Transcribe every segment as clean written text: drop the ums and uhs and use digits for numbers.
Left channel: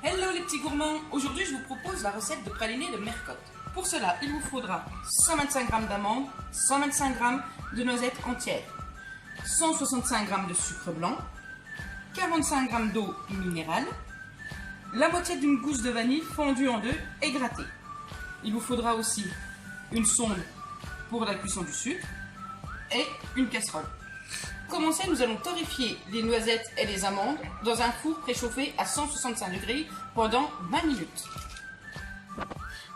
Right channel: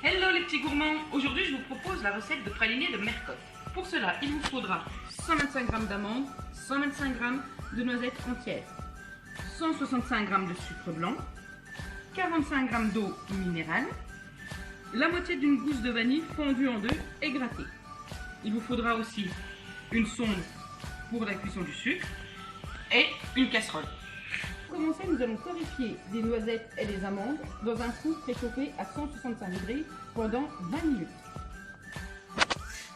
Hello les petits gourmands. Aujourd'hui je vous propose la recette de pralinés de Mercotte. Pour cela il vous faudra 125 g d'amandes, 125 g de noisettes entières, 165 g de sucre blanc, 45 g d'eau minérale, la moitié d'une gousse de vanille fondue en deux et grattée. Il vous faudra aussi une sonde pour la cuisson du sucre et une casserole. Pour commencer, nous allons torréfier les noisettes et les amandes dans un four préchauffé à 165 degrés pendant 20 minutes.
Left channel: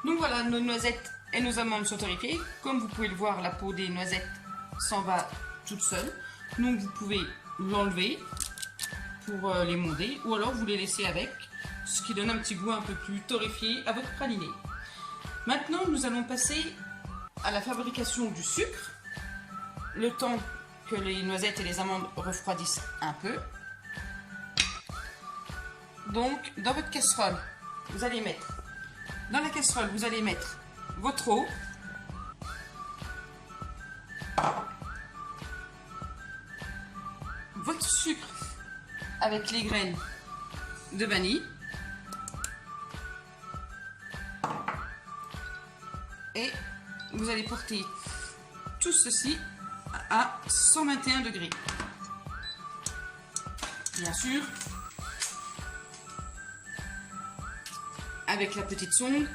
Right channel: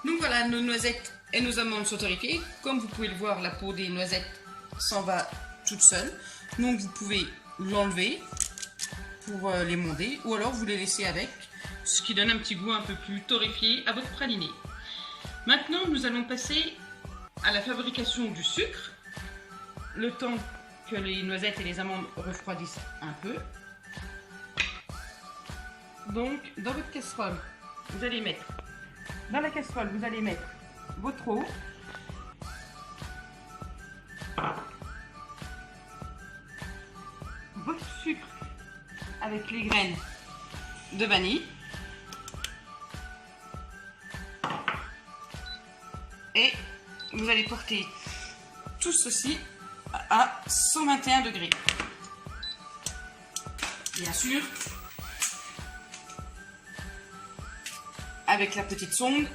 Donc voilà, nos noisettes et nos amandes sont torréfiées. Comme vous pouvez le voir, la peau des noisettes s'en va toute seule. Donc vous pouvez l'enlever pour les monder ou alors vous les laissez avec, ce qui donne un petit goût un peu plus torréfié à votre praliné. Maintenant, nous allons passer à la fabrication du sucre. Le temps que les noisettes et les amandes refroidissent un peu. Donc, dans votre casserole, vous allez mettre, votre eau, votre sucre avec les graines de vanille et vous allez porter tout ceci à 121 degrés. Bien sûr, avec la petite sonde.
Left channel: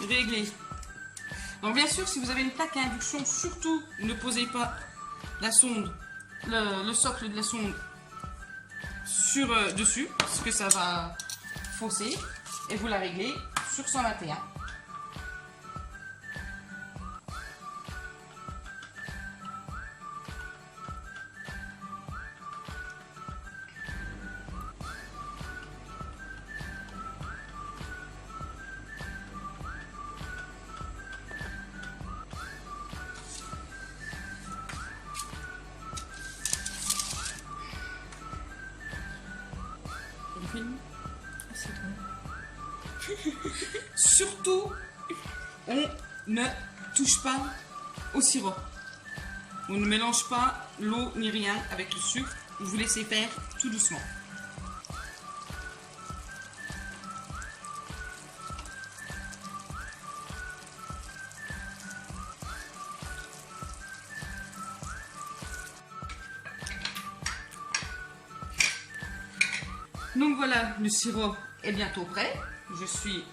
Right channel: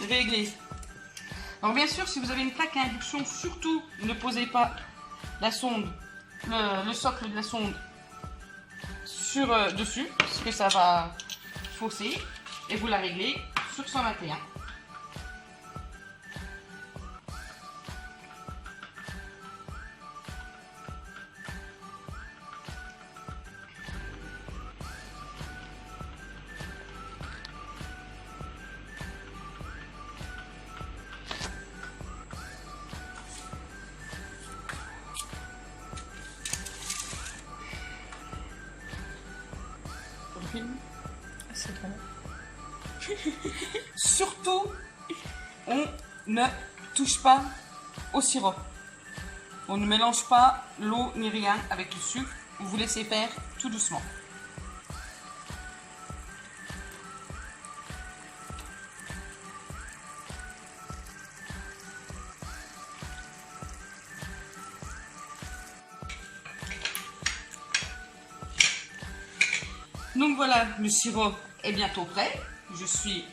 Réglé. Donc bien sûr, si vous avez une plaque à induction, surtout ne posez pas la sonde, le socle de la sonde sur dessus, parce que ça va fausser, et vous la réglez sur 121. Surtout, on ne touche pas au sirop. On ne mélange pas l'eau ni rien avec le sucre. Vous laissez faire tout doucement. Donc voilà, le sirop est bientôt prêt. Je suis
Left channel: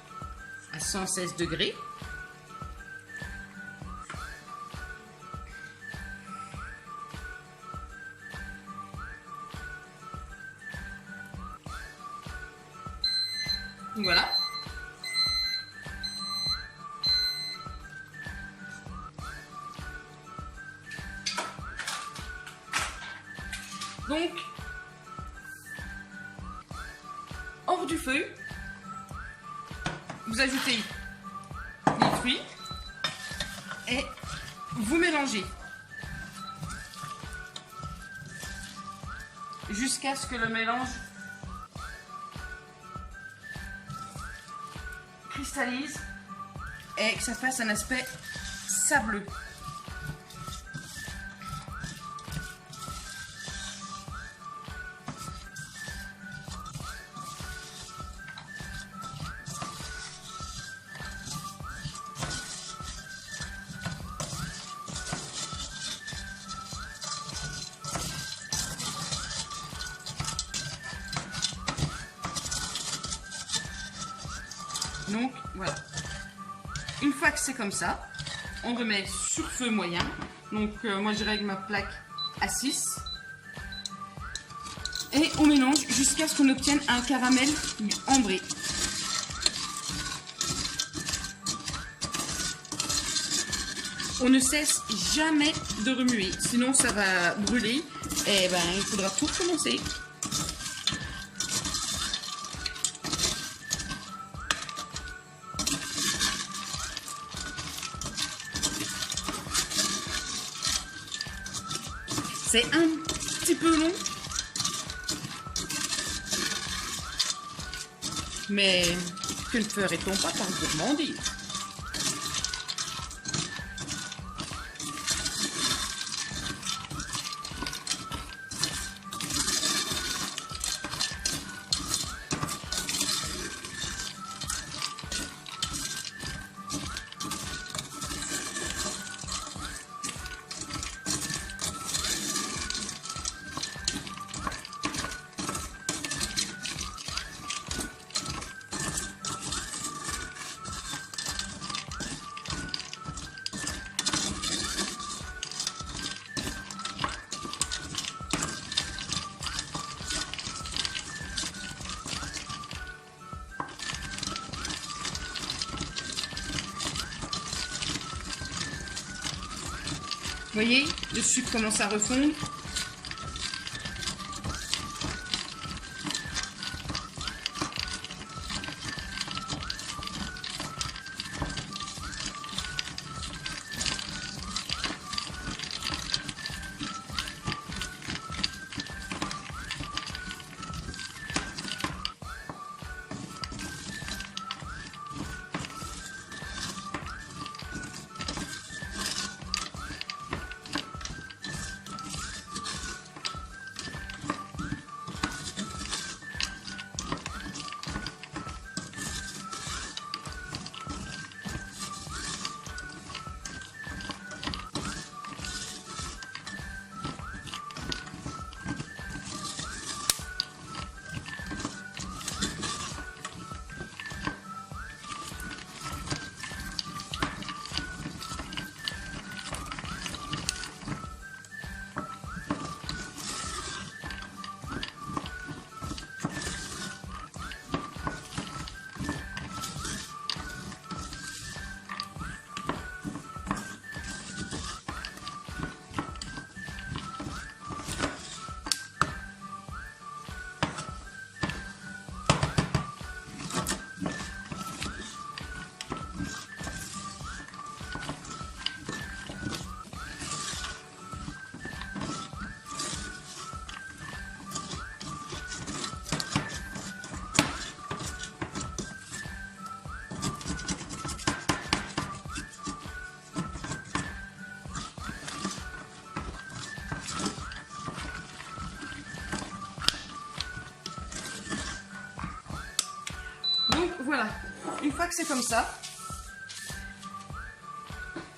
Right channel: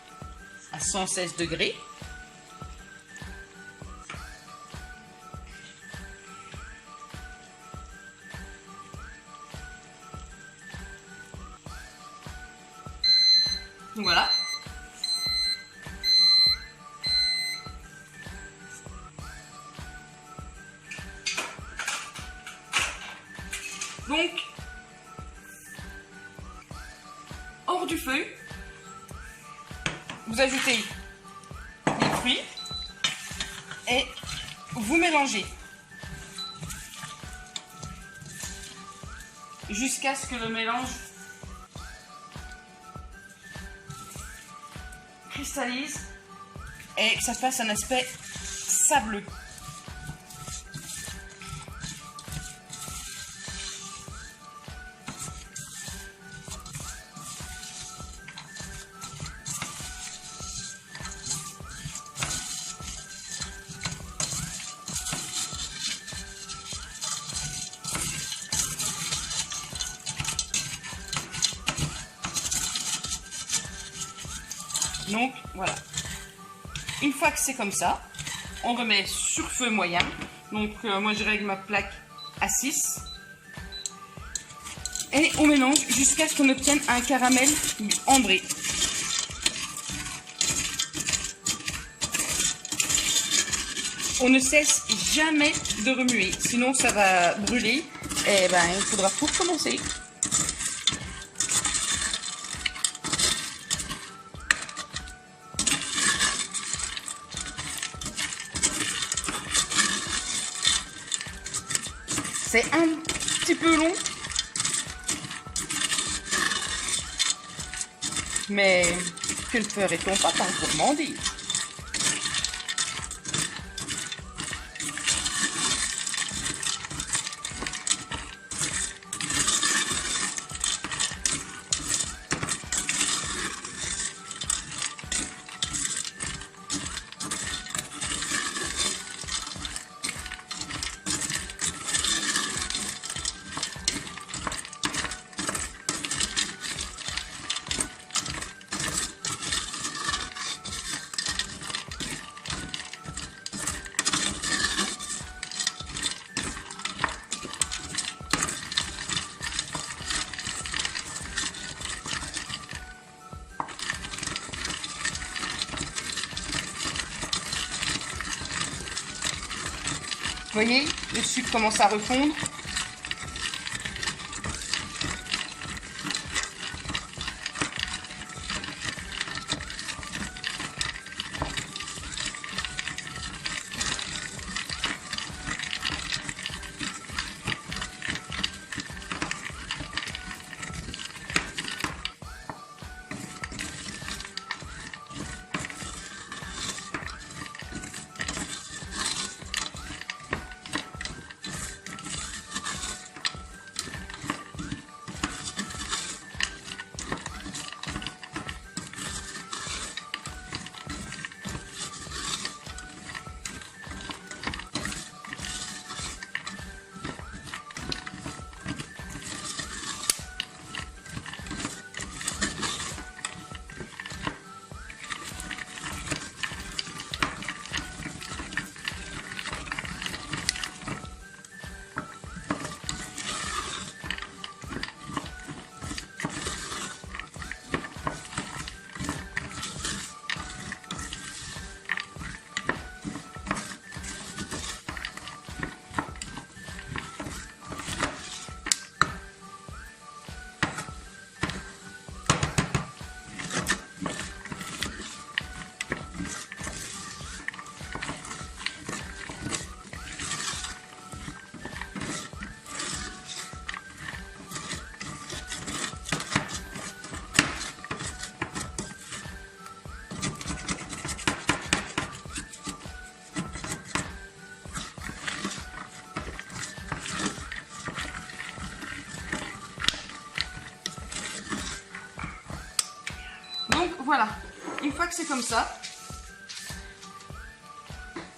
à 116 degrés. Donc voilà. Donc, hors du feu, vous ajoutez les fruits et vous mélangez jusqu'à ce que le mélange cristallise et que ça fasse un aspect sableux. Donc voilà, une fois que c'est comme ça, on remet sur feu moyen. Donc moi je règle ma plaque à 6 et on mélange jusqu'à ce qu'on obtienne un caramel ambré. On ne cesse jamais de remuer, sinon ça va brûler et ben il faudra tout recommencer. C'est un petit peu long, Mais que ne ferait-on pas tant de gourmandise? Vous voyez, le sucre commence à refondre. Donc voilà, une fois que c'est comme ça,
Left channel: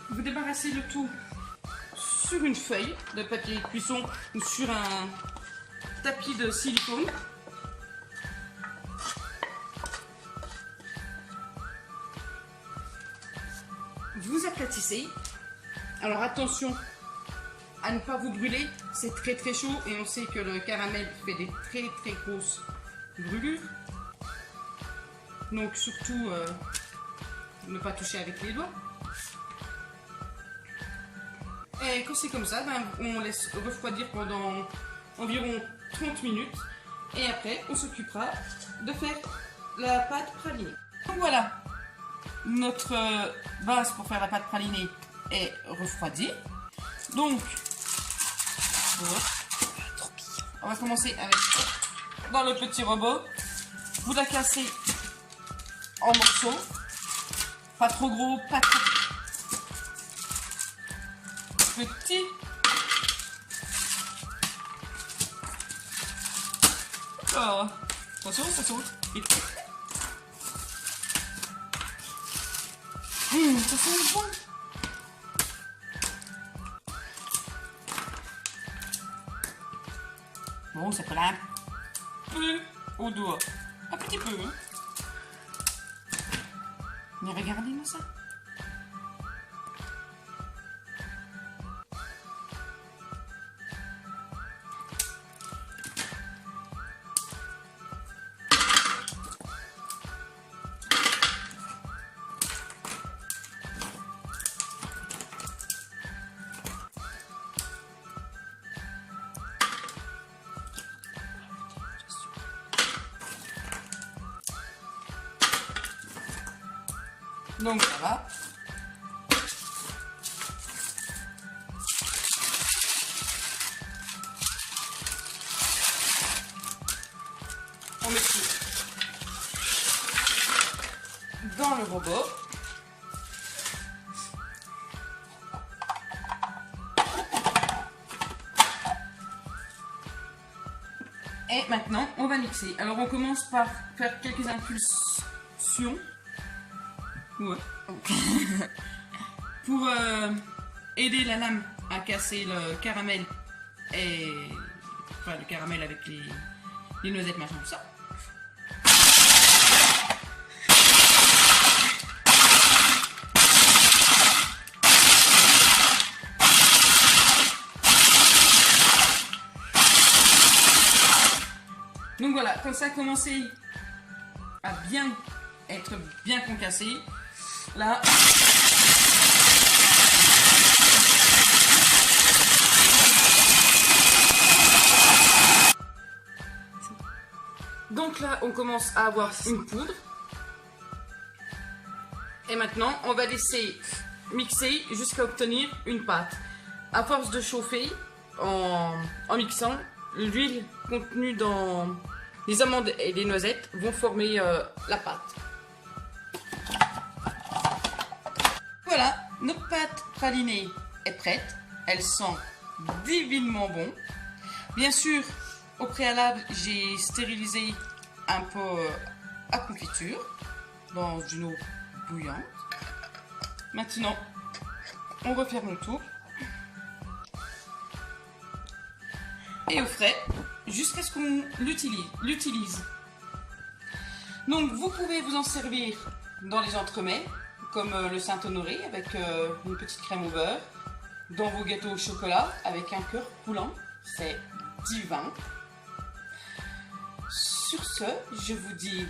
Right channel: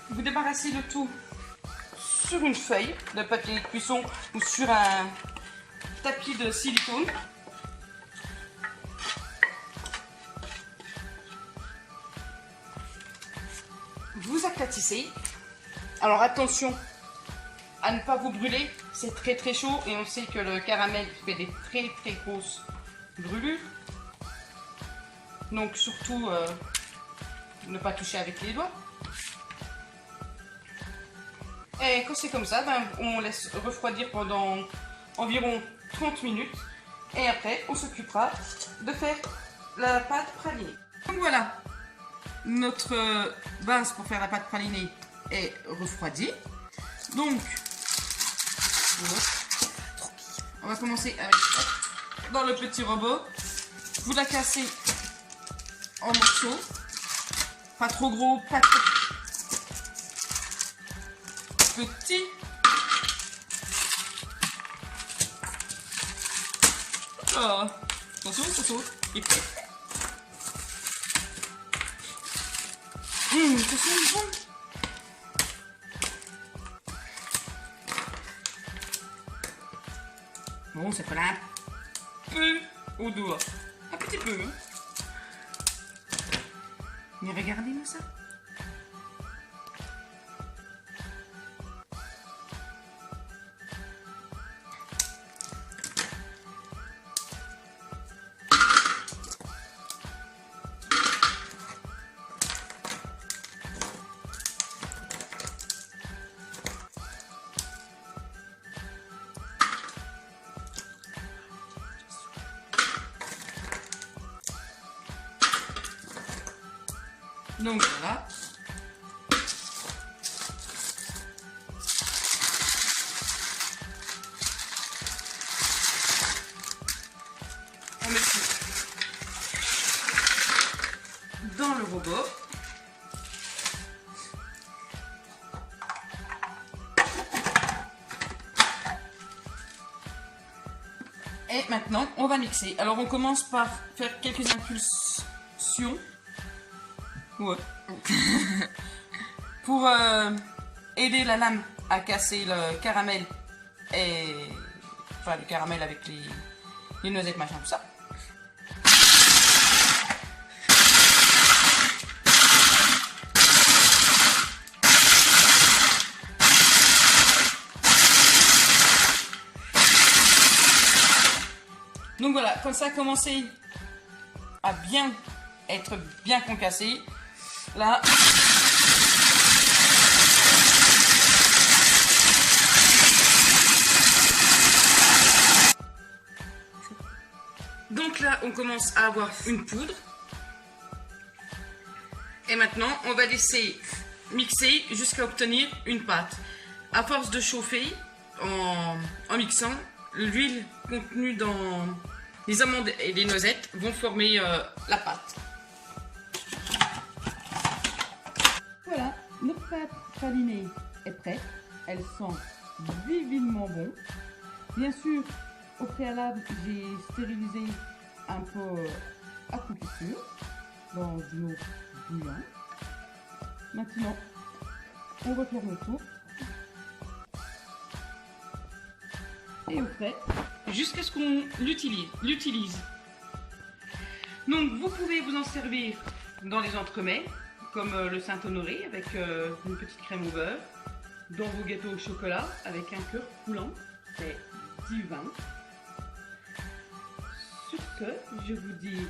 vous débarrassez le tout sur une feuille de papier de cuisson ou sur un tapis de silicone. Vous aplatissez. Alors attention à ne pas vous brûler, c'est très très chaud et on sait que le caramel fait des très très grosses brûlures. Donc surtout ne pas toucher avec les doigts. Et quand c'est comme ça, ben, on laisse refroidir pendant environ 30 minutes. Et après, on s'occupera de faire la pâte pralinée. Donc voilà, notre base pour faire la pâte pralinée est refroidie. Donc, on va commencer avec dans le petit robot. Vous la cassez en morceaux, pas trop gros, pas trop petit. Oh, attention, ça saute. Ça sent bon. Bon, ça colle un peu au doigt. Un petit peu, hein. Mais regardez-moi ça. Donc voilà. On met tout. dans le robot. Et maintenant, on va mixer. Alors, on commence par faire quelques impulsions. Ouais. Pour aider la lame à casser le caramel enfin le caramel avec les noisettes, machin, tout ça. Donc voilà, quand ça a commencé à être bien concassé, là, donc là, on commence à avoir une poudre. Et maintenant, on va laisser mixer jusqu'à obtenir une pâte. À force de chauffer en mixant, l'huile contenue dans les amandes et les noisettes vont former la pâte. Voilà, notre pâte pralinée est prête. Elle sent divinement bon. Bien sûr, au préalable, j'ai stérilisé un pot à confiture dans une eau bouillante. Maintenant, on referme le tout. Et au frais jusqu'à ce qu'on l'utilise. Donc vous pouvez vous en servir dans les entremets comme le Saint-Honoré avec une petite crème au beurre, dans vos gâteaux au chocolat avec un cœur coulant, c'est divin. Sur ce, je vous dis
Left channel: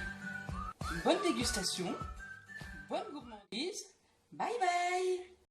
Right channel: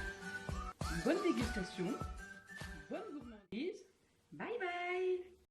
bonne dégustation, bonne gourmandise, bye bye.